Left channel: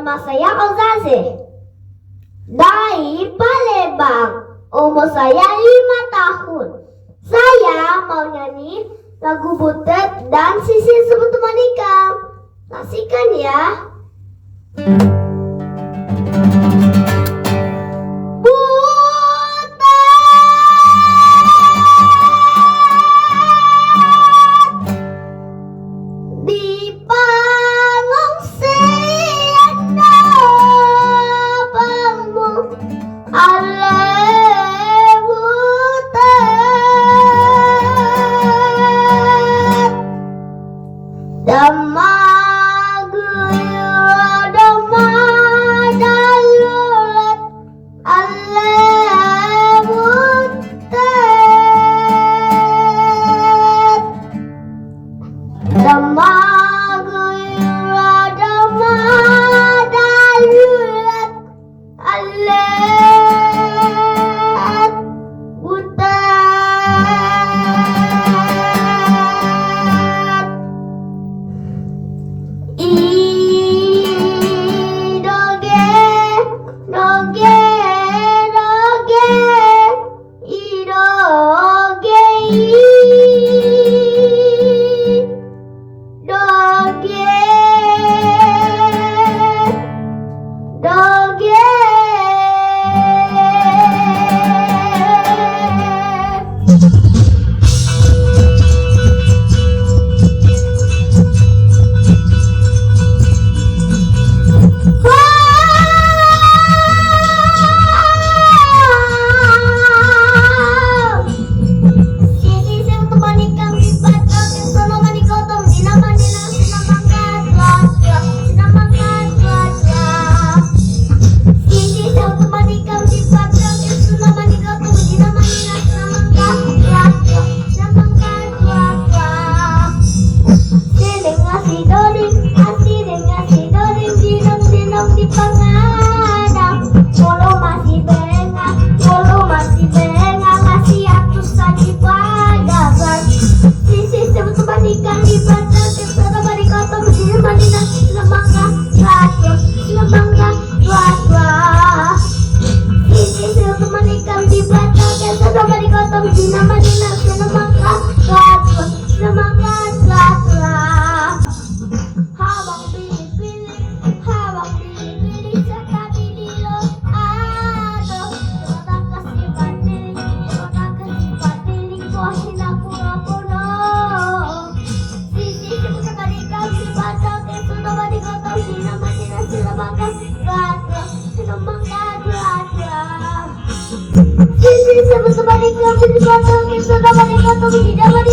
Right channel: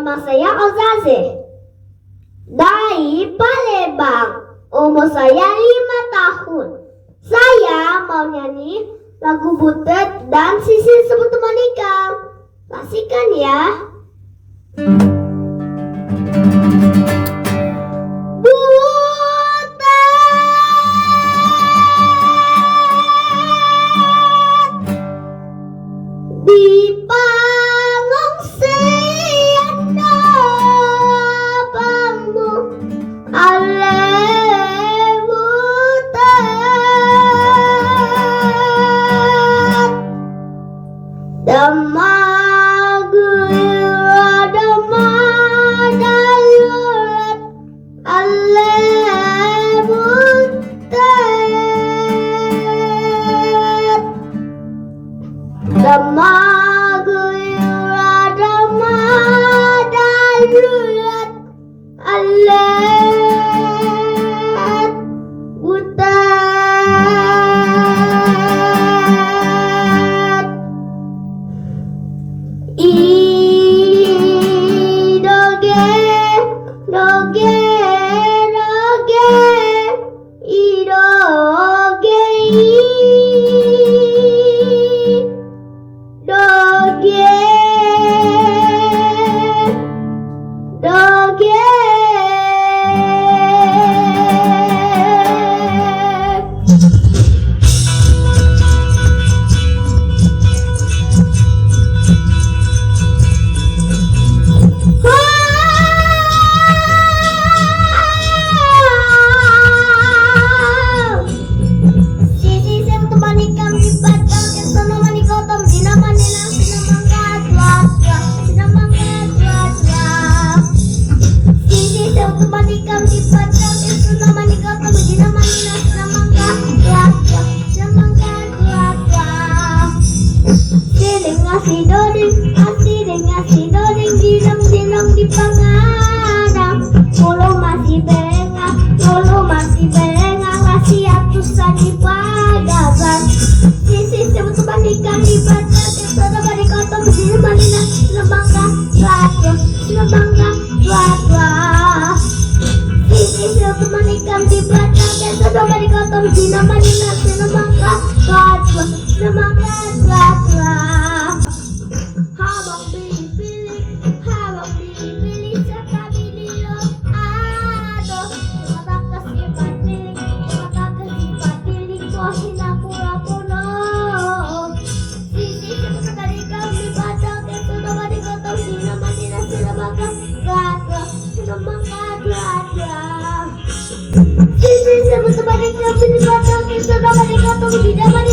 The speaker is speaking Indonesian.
Nama saya Ozaze dari Palembang. Umur saya 5 tahun. Saya mau nyanyi lagu Butet dan Sisir Sebut Monika. Pastikan ya. Di palung siana palmu ale butet damagura damadalulet ale butet damagura damadalulet ale Sisi sebut sebagai kami di belakang, kita dapat dikatakan tidak